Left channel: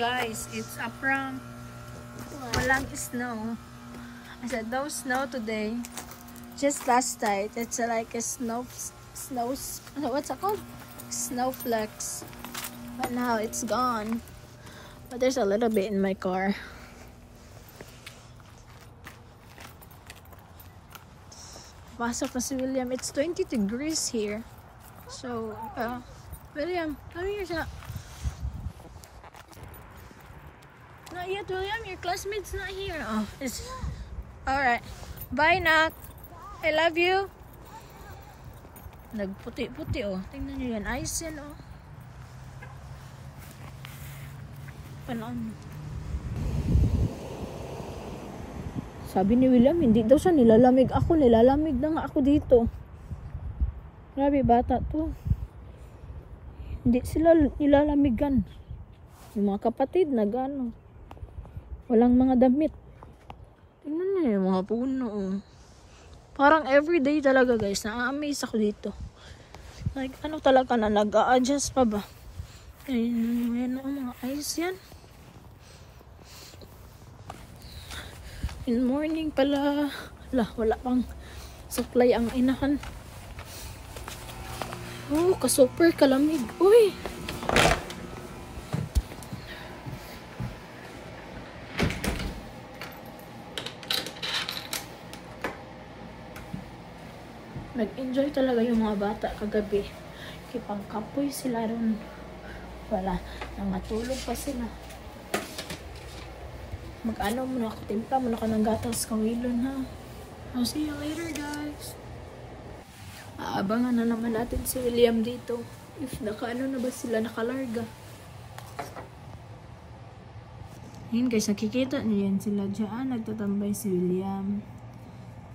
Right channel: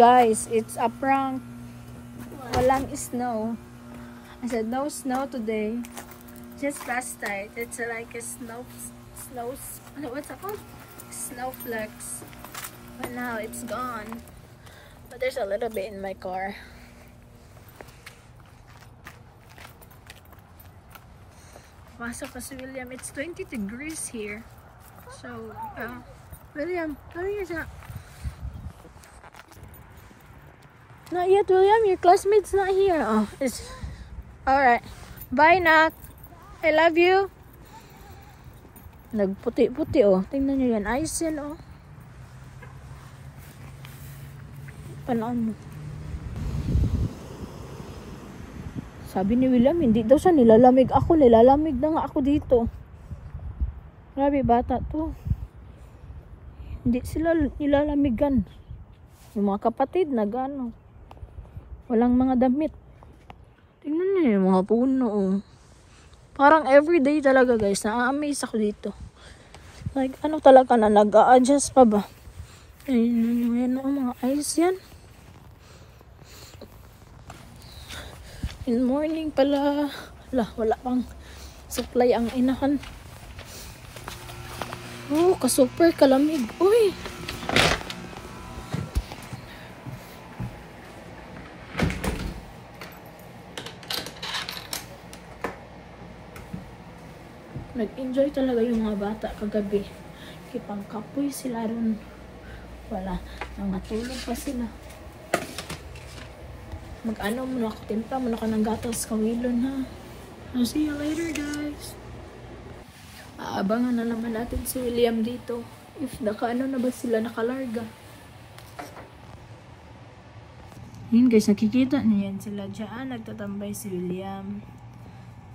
Guys, it's a prank. Walang snow. I said no snow today. Just last night. It's like a what's it called? Snowflakes. But now it's gone. But there's a little bit in my car. Pasok na si William. It's 20 degrees here. So, William, come here siya. Not yet, William. Your classmate's not here. Oh, it's alright. Bye, Nak. I love you. Nagputi-puti, oh. Tingnan nyo yan. Ice yan, oh. Panaan mo. Sabi ni William, hindi daw siya nilalamig ako. Nilalamig na nga ako dito. Grabe, bata to. Hindi sila nilalamigan. Yung mga kapatid, nag-ano. Walang mga damit. Tingnan niyo yung mga puno, oh. Parang everyday talaga, guys. Na-amaze ako dito. Like, ano talaga na nag-a-adjust pa ba? Ayun, mga ice yan. In morning pala. Wala pang supply ang inahan. Oh, ka-super kalamig. Uy! Nag-enjoy talaga yung mga bata kagabi. Kipang kapoy sila ron. Wala. Nangatulog pa sila. Mag-ano muna ako. Timpla muna ka ng gatas kawilon, ha. I'll see you later, guys. Aabangan na naman natin si William dito. If naka-ano na ba sila nakalarga. Yun, guys. Nakikita niyo yan sila dyan. Nagtatambay si William.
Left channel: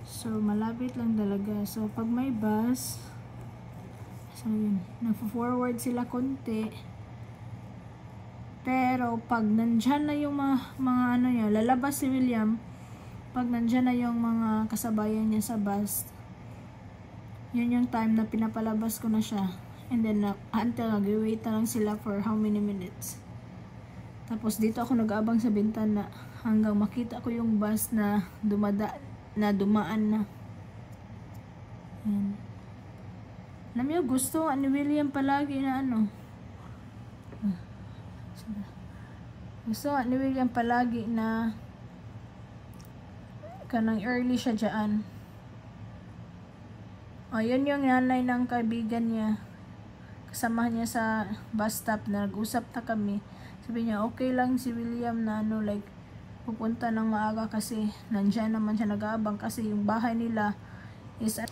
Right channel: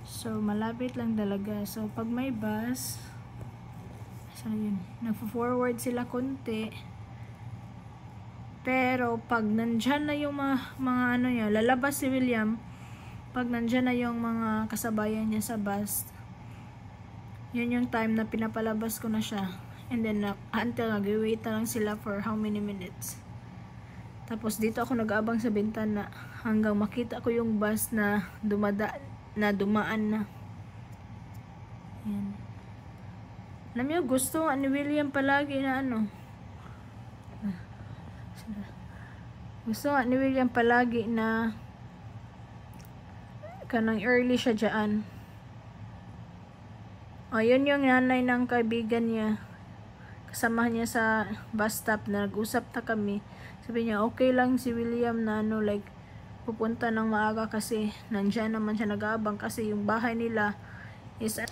So, malapit lang talaga. So, pag may bus, so yun, nagpo-forward sila konti. Pero, pag nandyan na yung mga ano niya, lalabas si William, pag nandyan na yung mga kasabayan niya sa bus, yun yung time na pinapalabas ko na siya. And then, until nag-wait na lang sila for how many minutes. Tapos, dito ako nag-aabang sa bintana hanggang makita ko yung bus na dumaan na. Yan. Alam niyo, gusto ni William palagi na ano. Gusto ni William palagi na kanang early siya dyan. O, yun yung nanay ng kaibigan niya. Kasama niya sa bus stop na nag-usap na kami. Sabi niya, okay lang si William na ano, like, pupunta ng maaga kasi nandyan naman siya nag-aabang kasi yung bahay nila is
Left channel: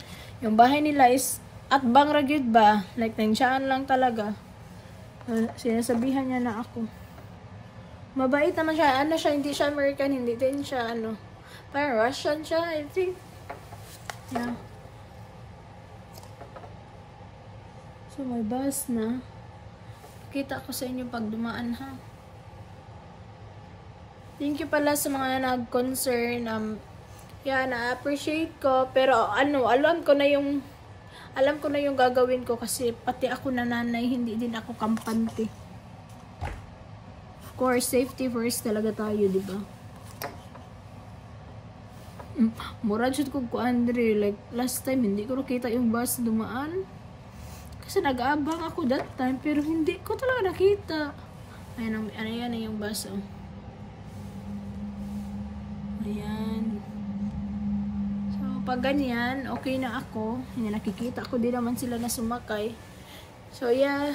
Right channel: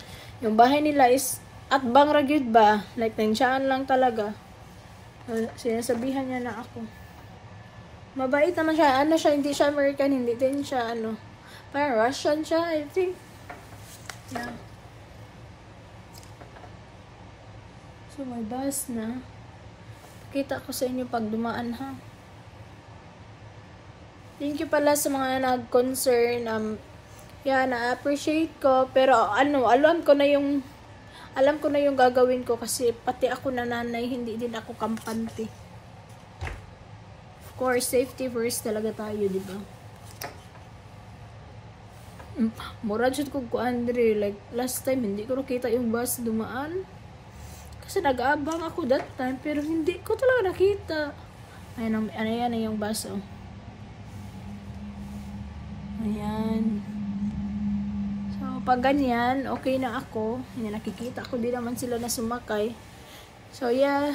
at Bang Ragyud ba? Like, nandiyan lang talaga. Sinasabihan niya na ako. Mabait naman siya. Ano siya, hindi siya American, hindi din siya, ano, parang Russian siya, I think. Yeah. So, may bus na. Pakita ko sa inyo pag dumaan, ha. Thank you pala sa mga nag-concern. Yeah, na-appreciate ko. Pero, ano, alam ko na yung gagawin ko kasi pati ako na nanay, hindi din ako kampante. Of course, safety first talaga tayo, di ba? Mura jud ko Andre, like last time hindi ko nakita yung bus dumaan. Kasi nag-aabang ako that time pero hindi ko talaga nakita. Ano yan yung bus, oh. Ayan. So, pag ganyan, okay na ako. Hindi nakikita ko din naman sila na sumakay. So, yeah.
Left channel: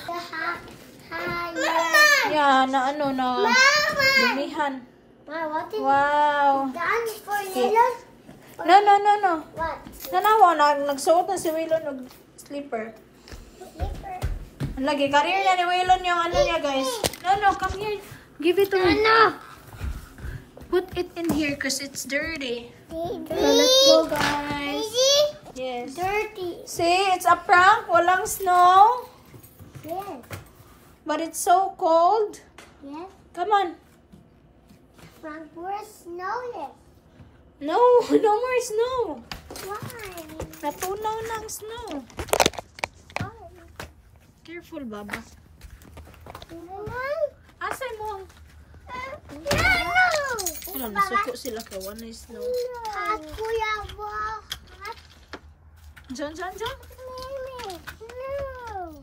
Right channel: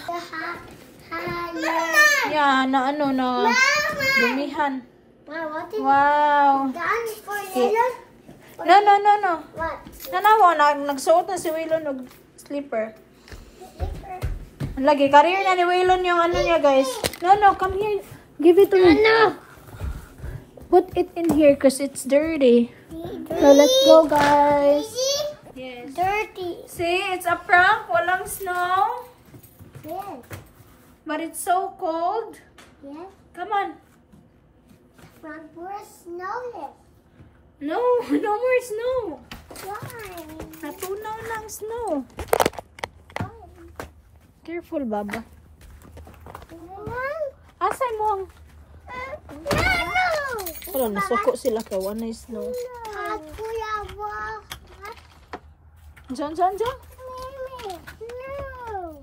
Yeah, na ano, na dumihan. Wow. No. What? Nanawa, nagsuot na si Wilon ng slipper. Lagi, career na ni Wilon yung ano niya, guys. No, come here. Give it to me. No. Put it in here because it's dirty. So, let's go, guys. Yes. Dirty. See, it's a prank. Walang snow. Yes. But it's so cold. Yes. Come on. Front door snowless. No more snow. Why? Natunaw ng snow. Careful, Baba. Mom? Asay mo ang Wala, nasuko sila ka. One is snow. Hot, Kuya Bo. Hot. Diyan, diyan, diyan. No.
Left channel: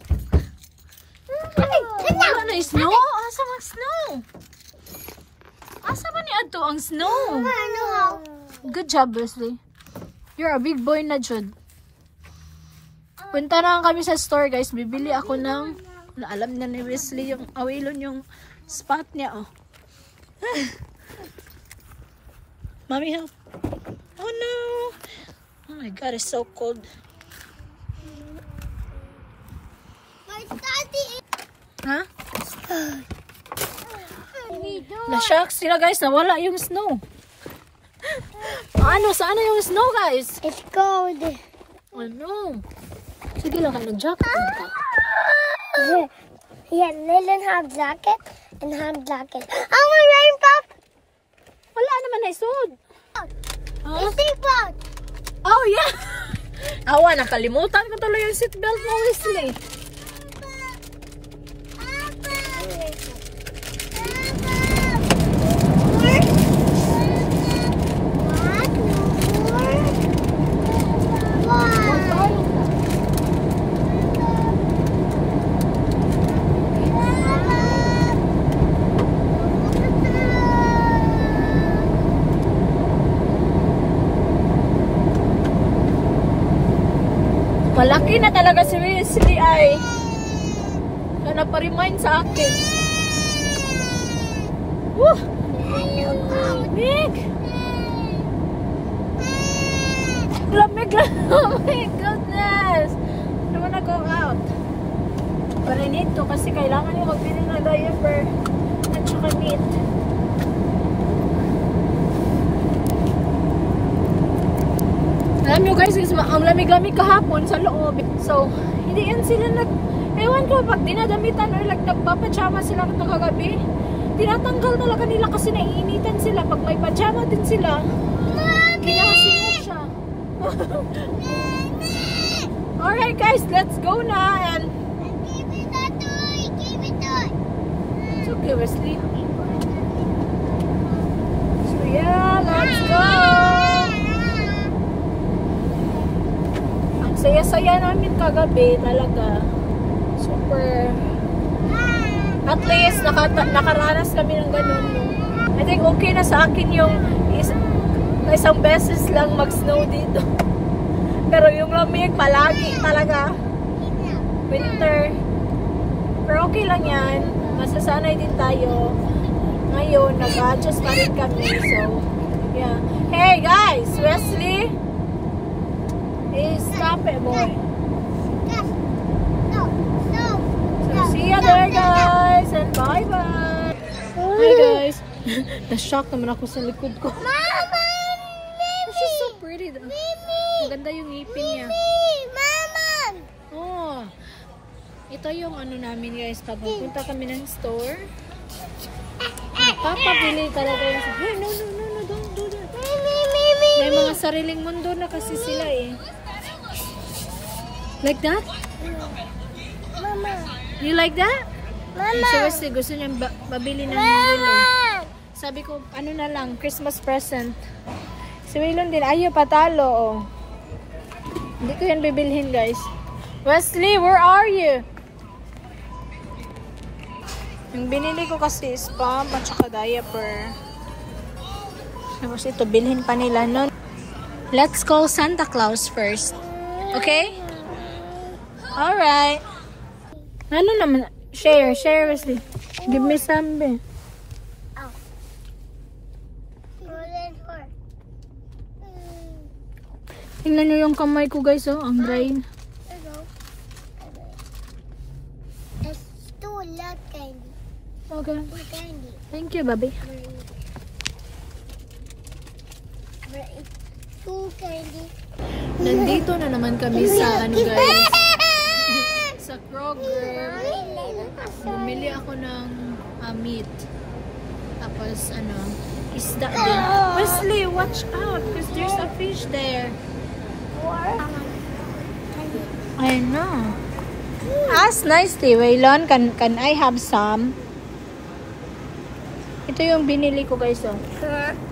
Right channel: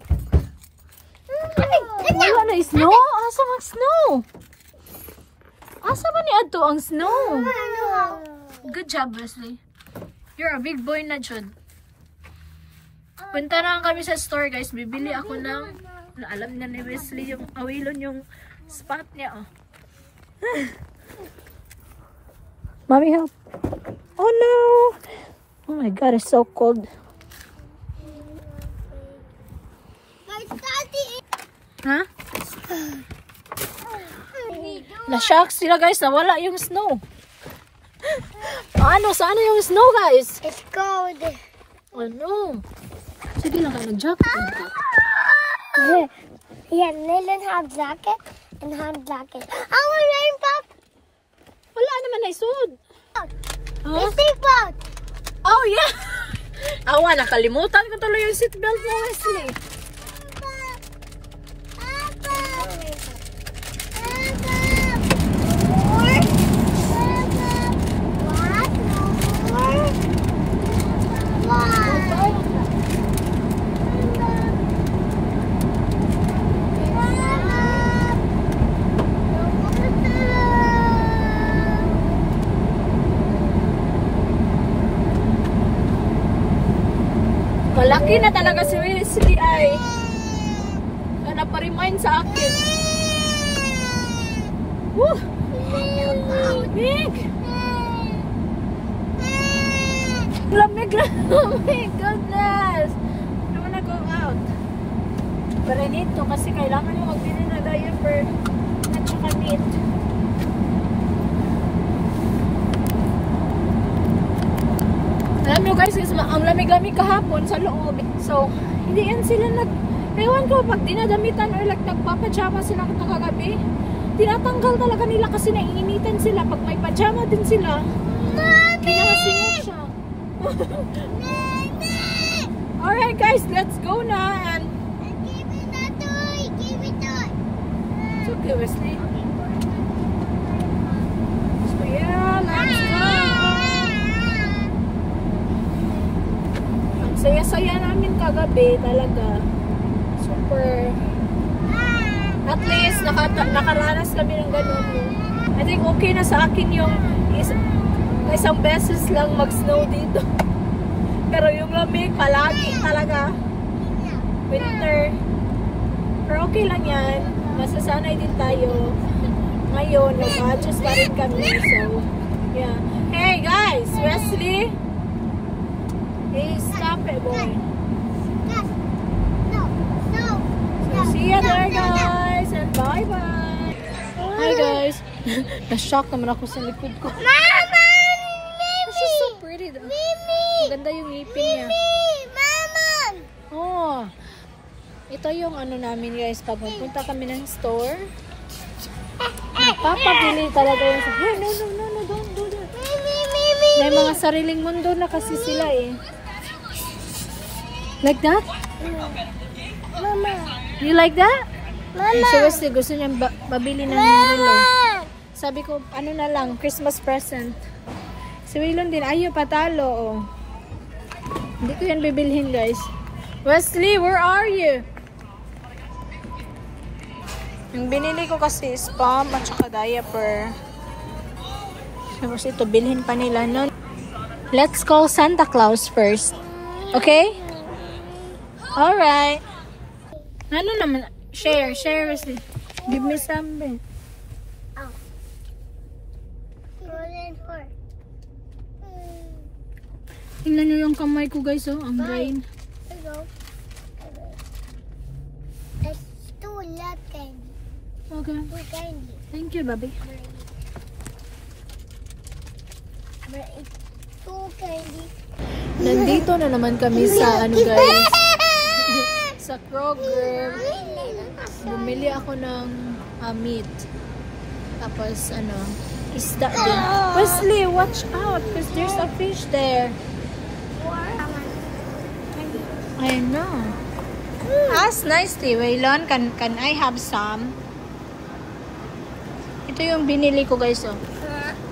Wala na snow. Asa man snow? Asa man ni ato ang snow? Good job, Wesley. You're a big boy na, Jud. Punta na kami sa store, guys. Bibili ako ng... Alam na ni Wesley yung awilon yung spot niya, oh. Mommy, help. Oh, no. Oh, my God. It's so cold. My daddy. Ha? Na-shock sila, guys. Nawala yung snow. Ano? Saan na yung snow, guys? It's cold. Ano? Sige lang, nag-jacket. Yeah, Lillian have jacket and have jacket. I want rain pop. Wala naman na isod. Huh? Seatbelt. Oh, yeah. Awa, nakalimutan ko tuloy yung seatbelt mo, Wesley. Malaki na talaga si Wesley ay na pa-remind sa akin. Woo! Lamig! Lamig lang! Oh my goodness! I don't wanna go out. Pero nito kasi kailangan yung magbili ng diaper at saka meat. Alam nyo guys, ang lamig-lamig kahapon sa loob. So, hindi yan sila ewan ko, pag dinadamitan or nagpapajama sila kagabi, tinatanggal talaga nila kasi naiinitan sila. Pag may pajama din sila, kinahasingot siya. Alright guys, let's go na and Give me that toy. Give me that. it's okay, Wesley. So yeah, let's go! Saya-saya namin kagabi talaga. Super. At least nakaranas kami ng ganun. I think okay na sa akin yung isang beses lang mag-snow dito. Pero yung lamig palagi talaga. Winter. Pero okay lang yan. Masasanay din tayo. Ngayon, nag-adjust pa rin kami. So, yeah. Hey guys! Wesley! Hey, stop it, boy. No. So, see you there, guys. And bye-bye. Hi, guys. Na-shock naman ako sa likod ko. Mama! This is so pretty, though. Maganda yung ngipin niya. Mama! Oh. Ito yung ano namin, guys. Pag magpunta kami ng store, papabili talaga yung sa... Hey, no, don't. May mga sariling mundo na kasi sila, eh. Like that? Mama! You like that? Mama! Si Wesley gusto niya babili ng Mama! Sabi ko, ano na lang, Christmas present. Si Waylon din, ayaw patalo, oh. Hindi ko yan bibilhin, guys. Wesley, where are you? Yung binili ko kasi is pump at saka diaper. Tapos ito, bilhin pa nila nun. Let's call Santa Claus first. Okay? Alright. Ano naman? Share, Wesley. Give me some, be. Oh. Golden horse. Tingnan nyo yung kamay ko, guys, oh. Ang dry. Hello. It's too lot candy. Okay. Too candy. Thank you, baby. Too candy. Nandito na naman kami sa, ano, guys. Sa Kroger. Bumili ako ng meat. Tapos, ano, isda din. Wesley, watch out because there's a fish there. I know. Ask nicely, Waylon. Can I have some? Ito yung binili ko guys, oh.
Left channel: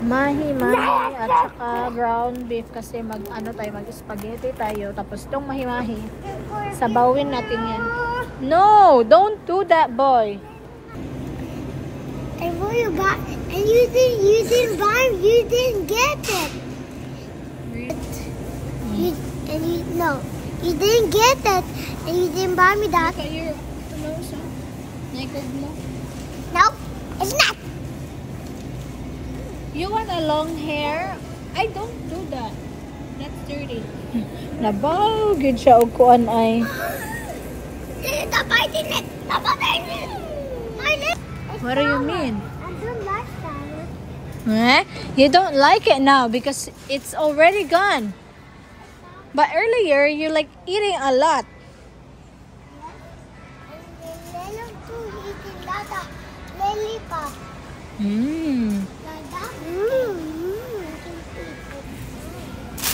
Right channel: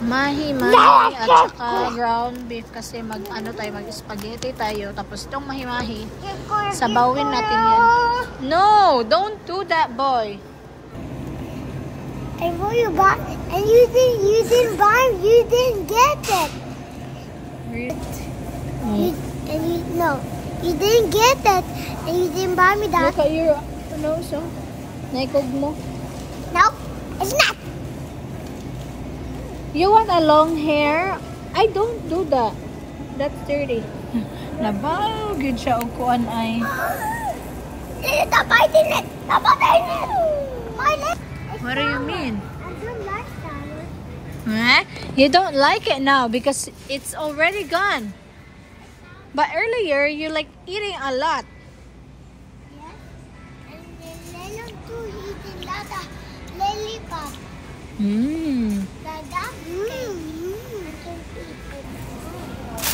Mahi-mahi at saka ground beef kasi mag-spaghetti tayo. Tapos itong mahi-mahi, sabawin natin yan. No! Don't do that, boy! I bought you back, and you didn't buy, you didn't get it. You didn't get it, and you didn't buy me that. Look at your nose, oh. Naked mo. No, it's not. You want a long hair? I don't do that. That's dirty. Nabaw, good siya o kuan ay. Stop biting it. Stop biting it. What do you mean? I don't like that. Huh? You don't like it now because it's already gone. But earlier, you like eating a lot. Yes. And then Lelo too eating Lada lollipop. Lada.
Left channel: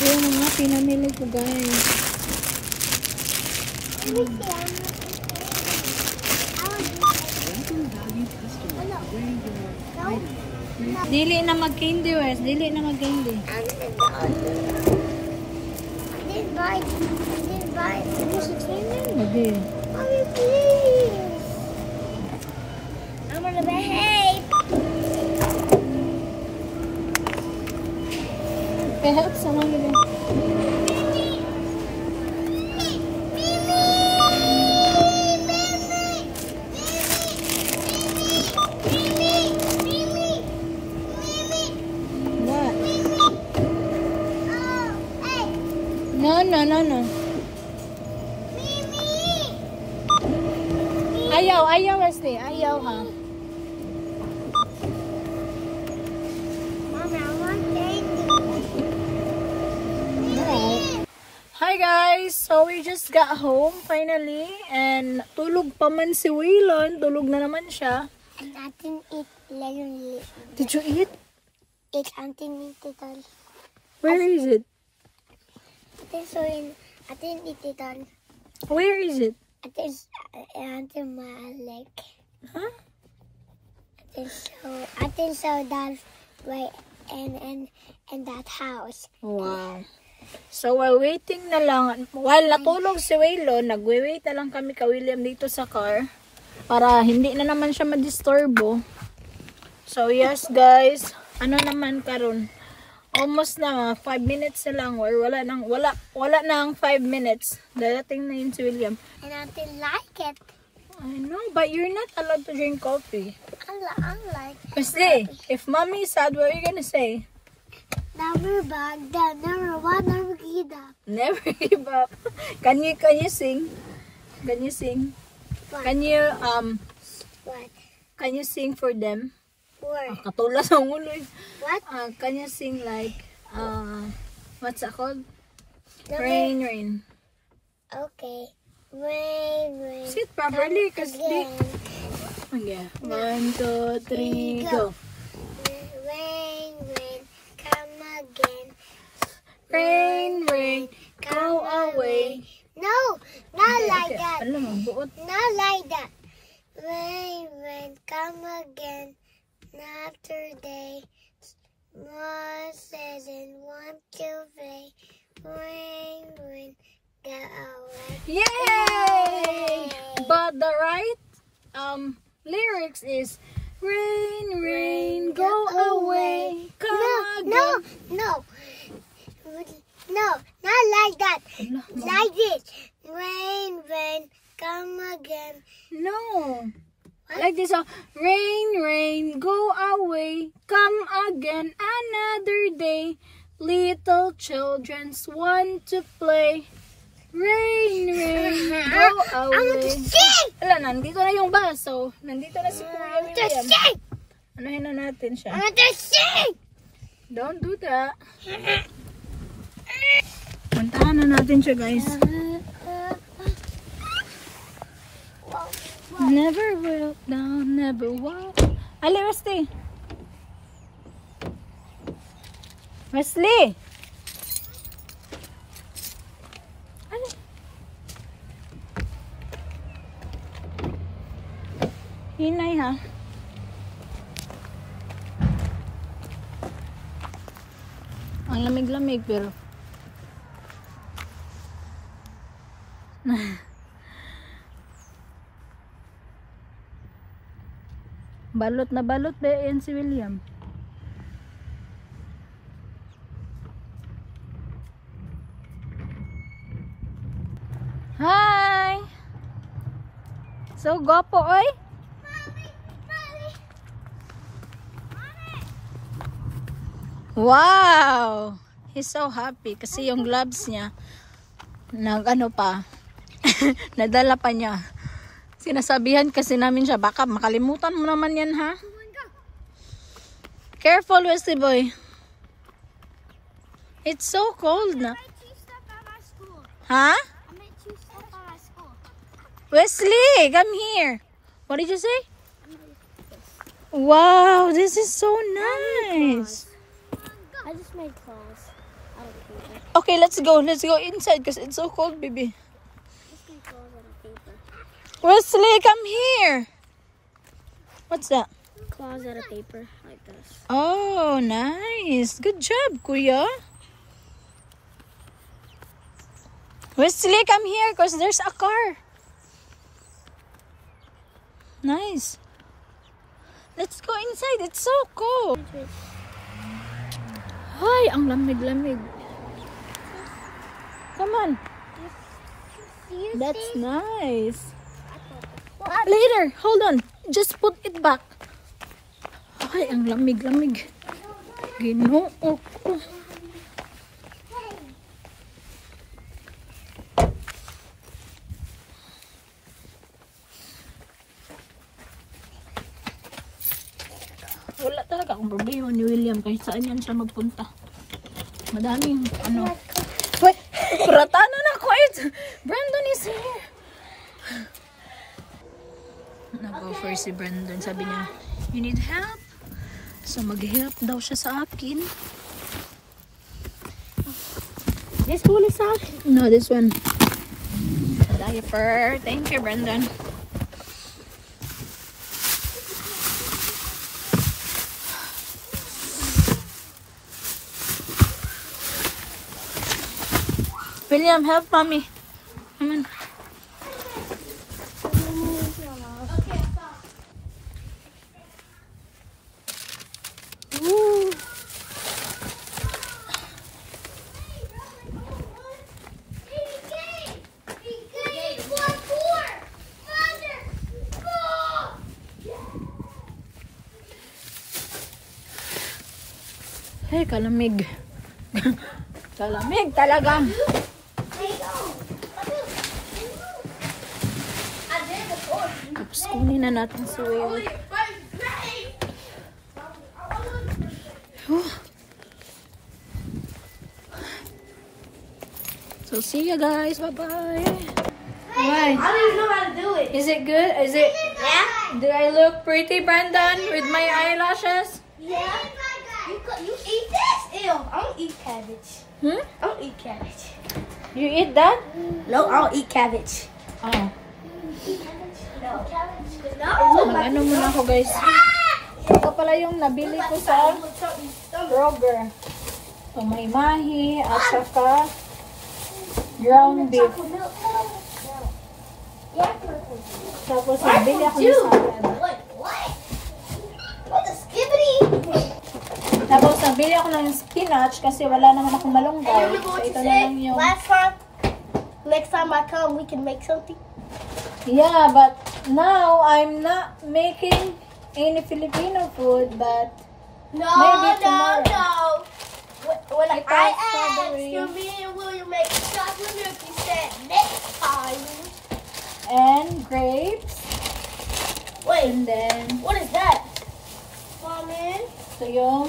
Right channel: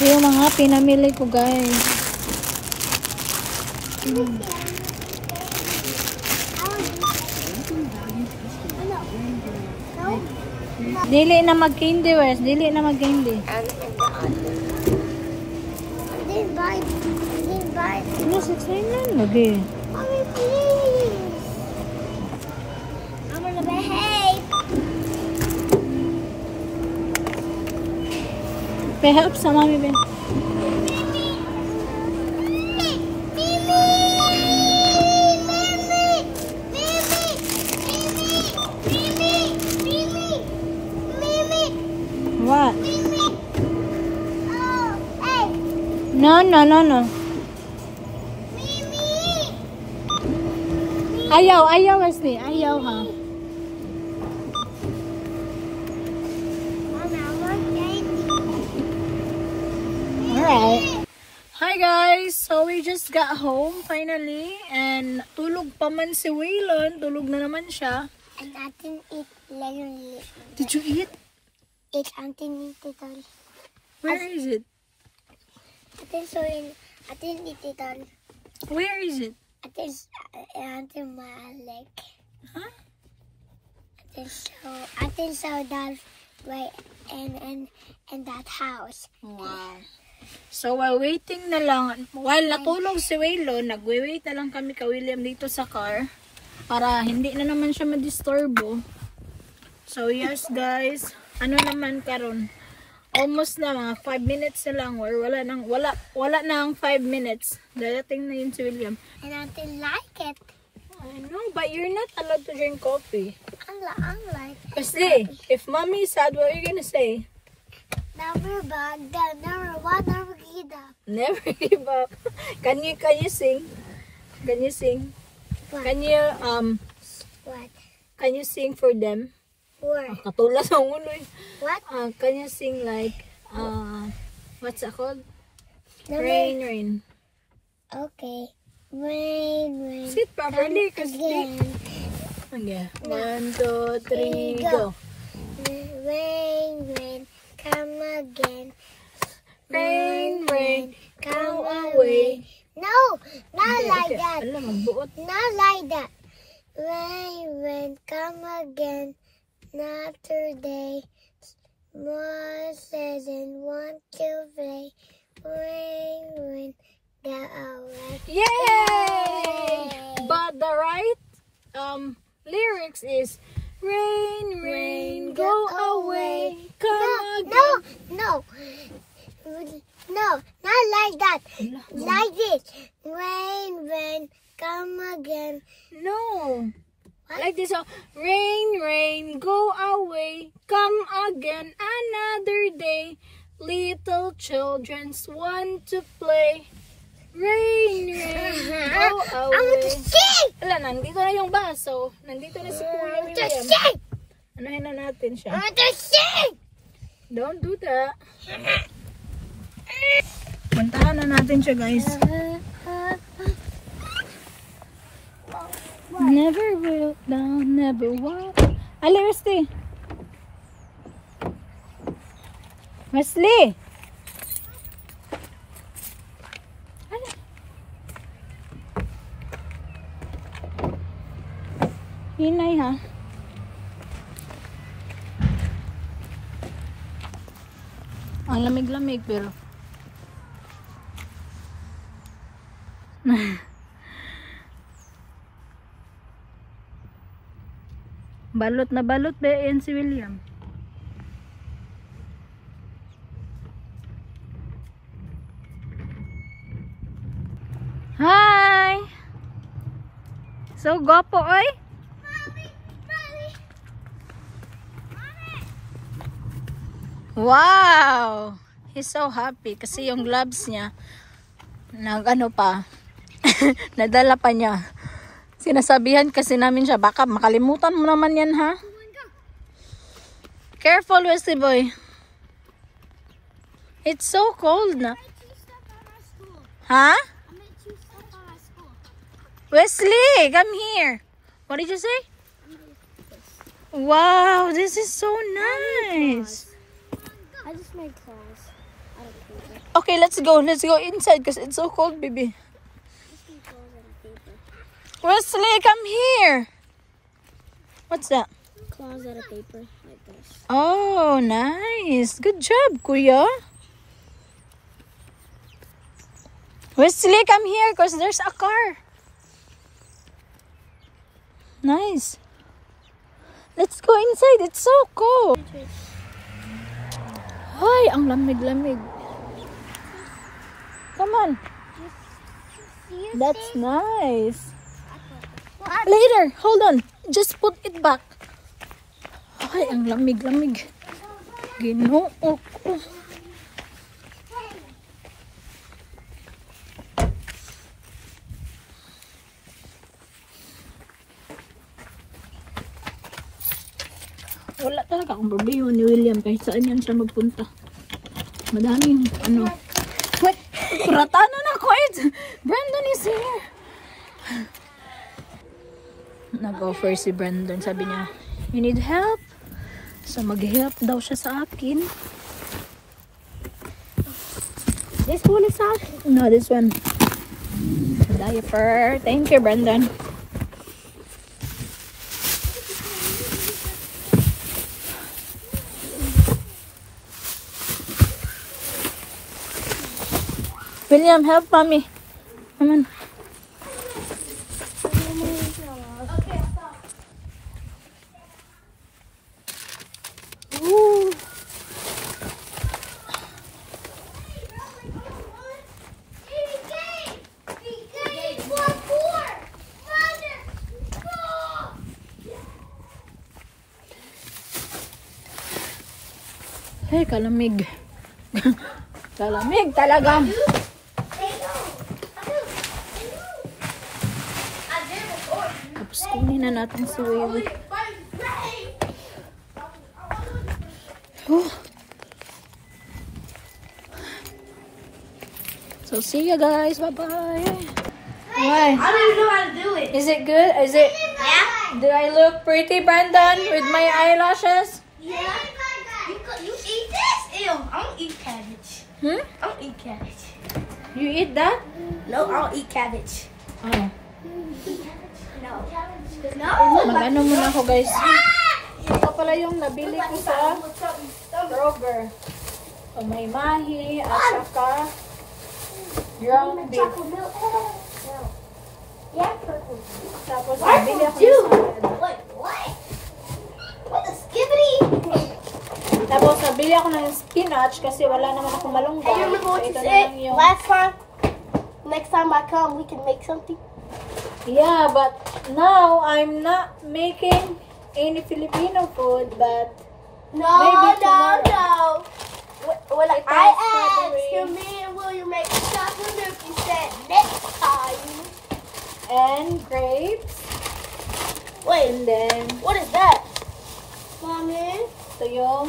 Ito yung mga pinamili ko, guys. Dili na mag-candy, Wes. Dili na mag-candy. I didn't buy. Ano sa tingnan? Lagi. Mommy, please. I'm gonna behave. Help sa mami, Ben. What? Oh, hey. No. Ayaw, Wesley. Ayaw, ha? Mama, I want candy. Alright. Hi guys! So we just got home finally and tulog pa man si Waylon. Tulog na naman siya. And I didn't eat lemon. Did you eat? I didn't eat it all. Where is it? I didn't eat it all. Where is it? I didn't my leg. Huh? I didn't show that right in that house. Wow. So while waiting na lang, while natulog si Waylon, nagwe-wait na lang kami ka William dito sa car para hindi na naman siya ma-disturbo. So yes guys, ano naman karon? Almost na mga 5 minutes na lang or wala nang 5 minutes. Darating na yun si William. And I didn't like it. I know, but you're not allowed to drink coffee. I like it. Kasi, if mommy is sad, what are you gonna say? Never back down, never one, never give up. Never give up. Can you sing? Can you sing? What? Can you What? Can you sing for them? What? Katulad sa ulo. What? Can you sing like what's it called? Never. Rain. Okay. Rain. Sit properly, Come cause again. yeah. 1, 2, 3, go. Rain, come again. Rain, come away. No, not like that. Alam mo, buot. Not like that. Rain, come again. Another day. Moses and want to play. Rain, go away. Yay! But the right lyrics is rain, go away, come again. No, not like that. Like this. Rain, come again. No. Like this, rain, go away, come again another day. Little children want to play. Rain, go I want to away. sing. Wala, nandito na yung baso. Nandito na si Kuya To William. sing. Anuhin na natin I siya. want to sing. Don't do that. Puntahan na natin siya, guys. Never will down, never walk. Ali, Wesley. Wesley. Ali. Hinay, ha? Ang lamig-lamig pero. Balot na balot ba yan si William? Hi! So gopo oy? Wow! He's so happy kasi yung gloves niya nag-ano pa nadala pa niya. Sinasabihan kasi namin siya, baka makalimutan mo naman yan ha. Careful, Wesley boy. It's so cold na. Ha? Wesley, come here. What did you say? Wow, this is so nice. I just made claws out of paper. Okay, let's go. Let's go inside because it's so cold, baby. Just made claws out of paper. Wesley, come here. What's that? Claws out of paper, like this. Oh, nice. Good job, Kuya. Wesley, come here because there's a car. Nice. Let's go inside. It's so cold. Ay, ang lamig-lamig. Come on. That's nice. Later, hold on. Just put it back. Ay, ang lamig-lamig. Ginoo ko. Wala talaga akong problema ni William kahit saan yan siya magpunta. Madaming ano. Wait, kuratanan na ako it. Brandon is here. Nag-offer si Brandon. Sabi niya, you need help? So mag-help daw siya sa akin. This one is out? No, this one. Diaper. Thank you, Brandon. William, help mommy. Come on. Ooh. Hey, kalamig. Kalamig talaga. Tapos kunin na natin si Wewe. So see you guys. Bye bye. Why? I don't even know how to do it. Is it good? Is it? Yeah? Do I look pretty, Brandon, with my eyelashes? Yeah. You eat this? Ew, I don't eat cabbage. Hmm? I don't eat cabbage. You eat that? No, I don't eat cabbage. Oh. No. No. Mag-ano muna ako, guys. Ito pala yung nabili ko sa Kroger. So, may mahi at saka ground beef. Tapos, nabili ako ng salad. What? What the skibbity? Tapos, nabili ako ng spinach kasi wala naman akong malunggay. So, ito na lang yung... Next time I come, we can make something. Yeah, but now I'm not making any Filipino food, but maybe tomorrow. When It I has asked strawberry. you, me and William make stuff, wonder if you said next time. And grapes. Wait, And then, what is that? Mommy? ito yung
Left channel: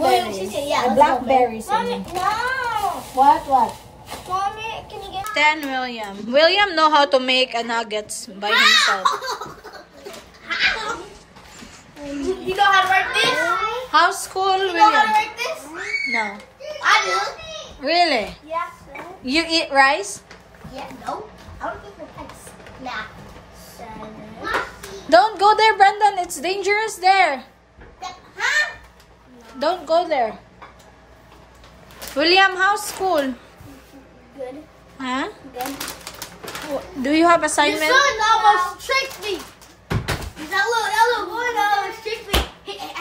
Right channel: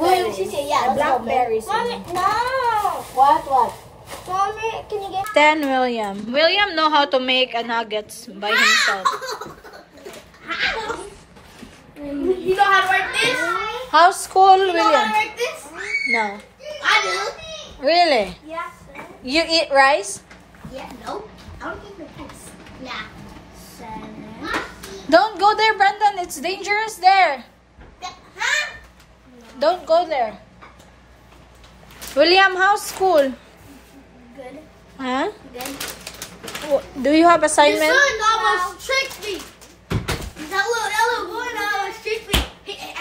William, she blueberries. said, yeah, let's go, Blackberries. Mommy, no. What? Mommy, can you get... Then William. William know how to make a nuggets by himself. You know how to work this? How's school, You know how William? to work this? No. I do. Really? Yeah, sir. You eat rice? Yeah, no. I don't think the rice. Nah. 7. Don't go there, Brandon. It's dangerous there. Huh? Don't go there. William, how's school? Good. Huh? Good. Do you have assignment? Your son almost tricked me. That little boy almost tricked me.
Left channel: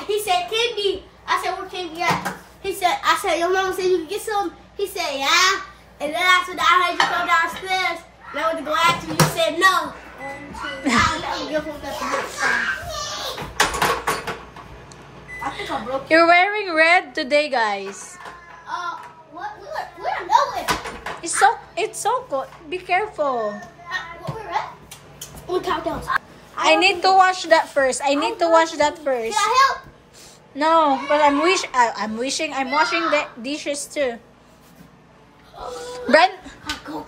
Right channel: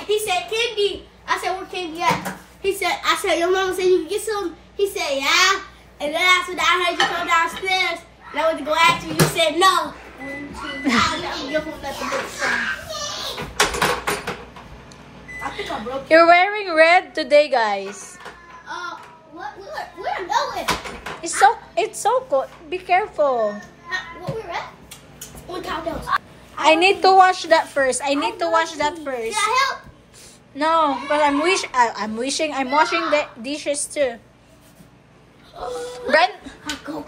He said, candy. I said, where candy at? I said, your mama said you can get some. He said, yeah. And then after that, I heard you come downstairs. And I went to go ask you. You said no. I'll never give him nothing but I think I broke it. You're wearing red today, guys. Where I'm going? It's so cold. Be careful. What we're at? We'll count down. I need to wash that first. I need to wash that first. Yeah, help. No, but I'm washing the dishes too. Brent, Go.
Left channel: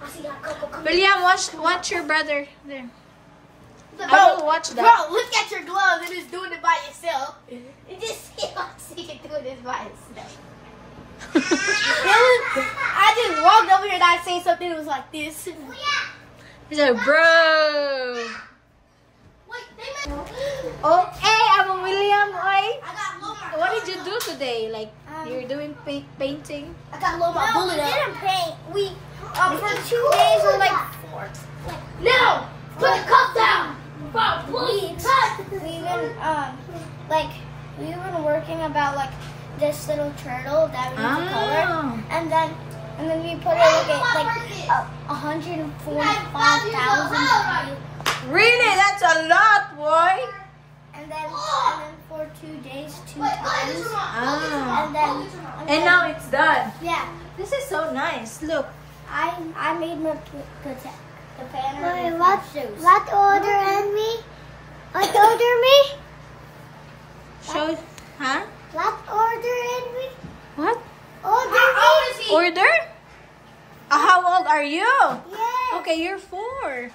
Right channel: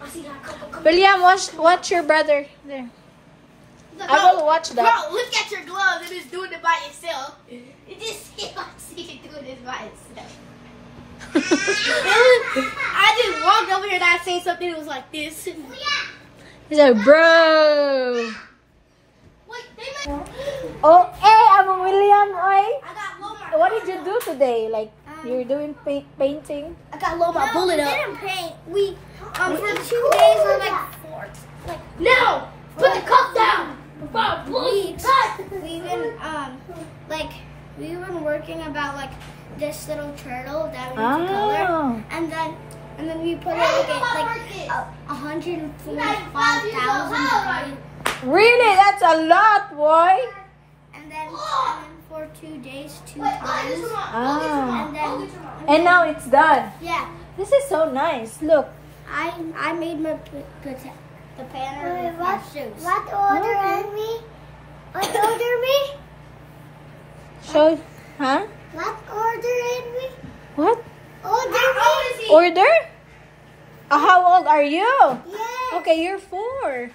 I see that. Go. William, watch your brother there. I will watch that. Bro, look at your gloves. You're just doing it by yourself. You just see you doing this by yourself. I just walked over here and I seen something that was like this. He's like, bro. Wait, Oh, hey, I'm William. Oi. I got Lomar. What did you do today? Like, you're doing painting? I got Lomar. Pull it up. We didn't paint. We for 2 days or like 4. No, put the cup down. We've been working about like this little turtle that we color, and then we put it like 145,000. Really? That's a lot, boy. And then for 2 days, 2 times. Ah. And now it's done. Yeah, This is so nice. Look. I made my the pattern with shoes. What order and me? What order me? So, huh? What order and me? What? Order me? Order? How old are you? Yeah. Okay, you're 4.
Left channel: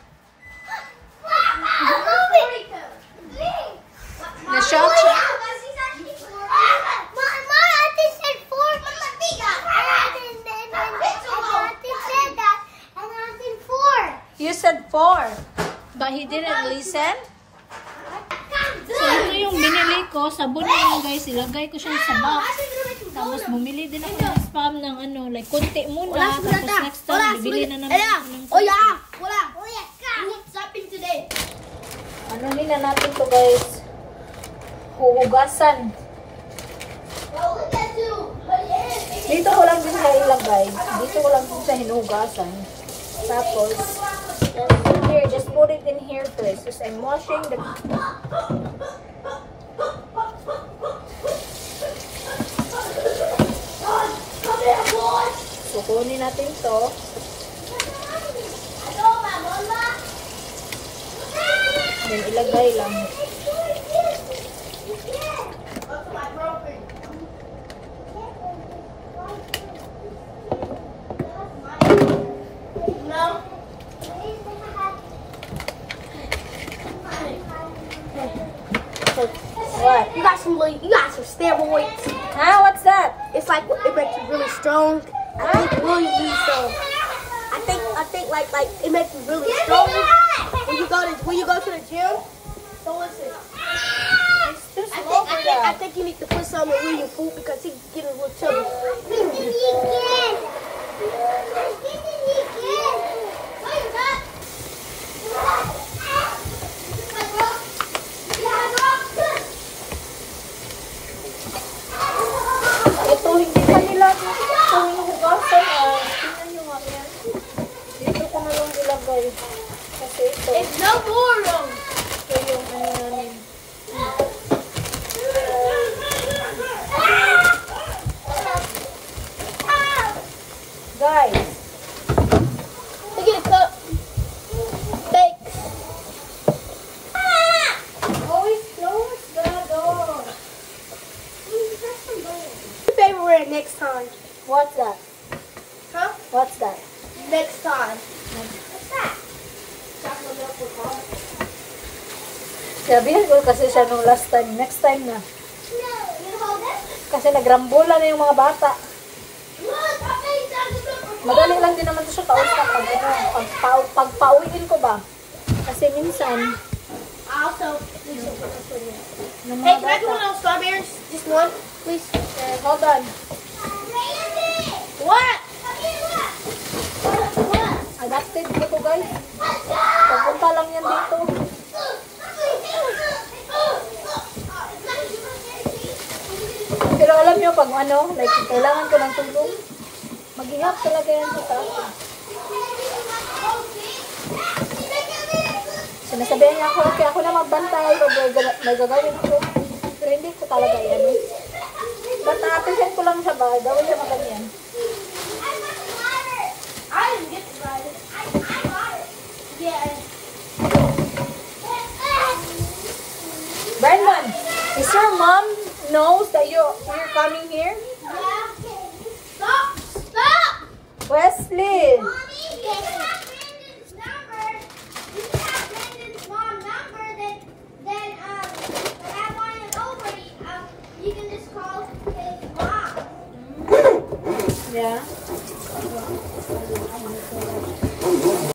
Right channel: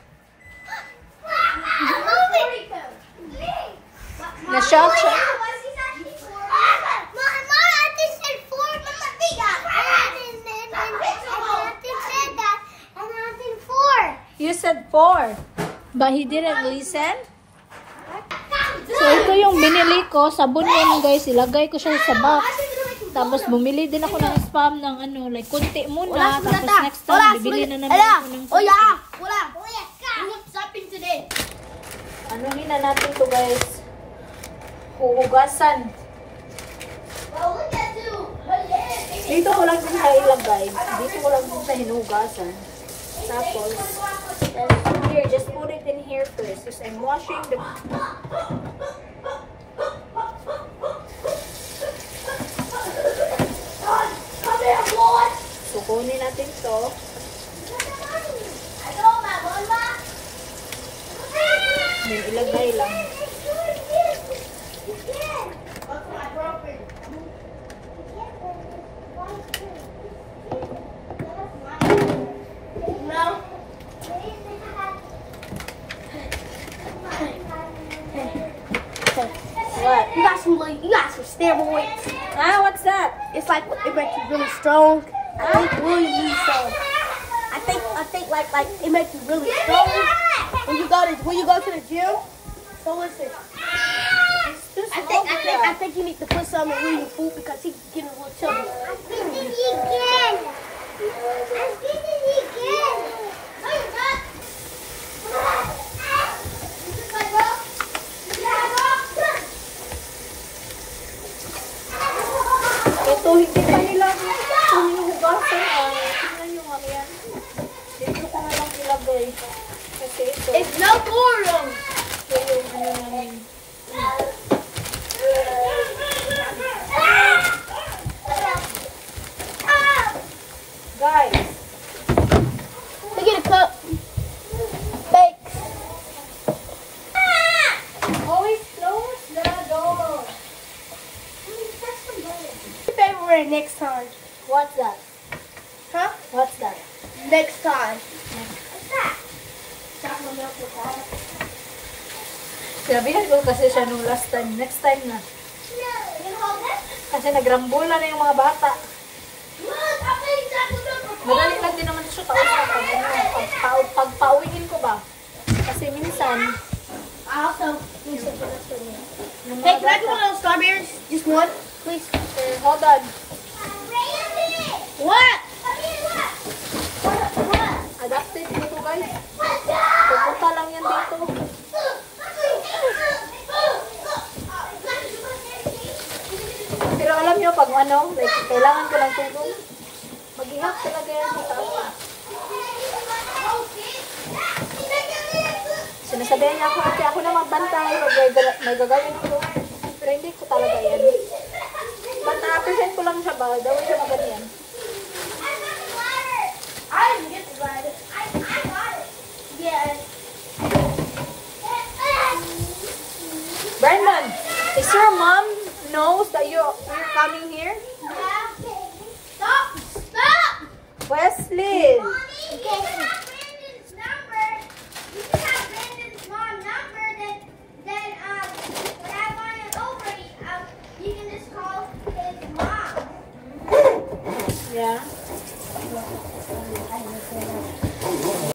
Na-shock siya. You said 4. But he didn't listen? So, ito yung binili ko. Sabon ko na, guys. Ilagay ko siya sa box. Tapos, bumili din ako ng spam ng ano, like, konti muna. Tapos, next time, bibili na naman ako ng ano na natin to, guys? Huhugasan. Dito ko lang din sa ilagay. Dito ko lang din sa hinuhugasan. Tapos, here, just put it in here first. Because I'm washing the... So, kunin natin to. Then, ilagay lang. What? You got some steroids. Ah, what's that? It's like it makes you really strong. I think really strong. I think like it makes you really strong when you go to the gym. So listen. It's too small for that. I think you need to put something in your food because he's getting a little chubby. Ito, hindi pa nila ito hinuhugasan. Tingnan nyo nga yan. Dito ko na lang ilagay. Kasi ito. It's no more. Ito yung ano namin. Guys. Look at the cup. Thanks. Always close the door. Favorite next time. What's that? Huh? What's that? Next time. What's that? Chocolate milk with almond. Sabihan ko kasi siya nung last time. Next time na. No. You hold it? Kasi nagrambola na yung mga bata. Look, I made chocolate milk with Madali lang din naman ito siya kausap pag ano, pagpauwiin ko ba. Kasi minsan, Also, yung hey, mga can I get one bata. of those strawberries? Just one, please. Okay, hold on. What? Adapted ko to guys. Pupunta lang yan dito. Pero alam nyo, pag ano, like, kailangan ko ng tulong, mag-ihap talaga yan sa akin. Sinasabihan niya ako, okay, ako na magbantay, may gagawin ko. Pero hindi ko talaga yan. But na-appreciate ko lang siya ba, gawin siya maganyan. I didn't get the ladder. I got it. Yeah. Brandon, is your mom knows that you're coming here? Stop! Stop! Wesley! Mommy, you can have Brandon's number. You can have Brandon's mom number. Then when I want it over, you can just call his mom. Yeah.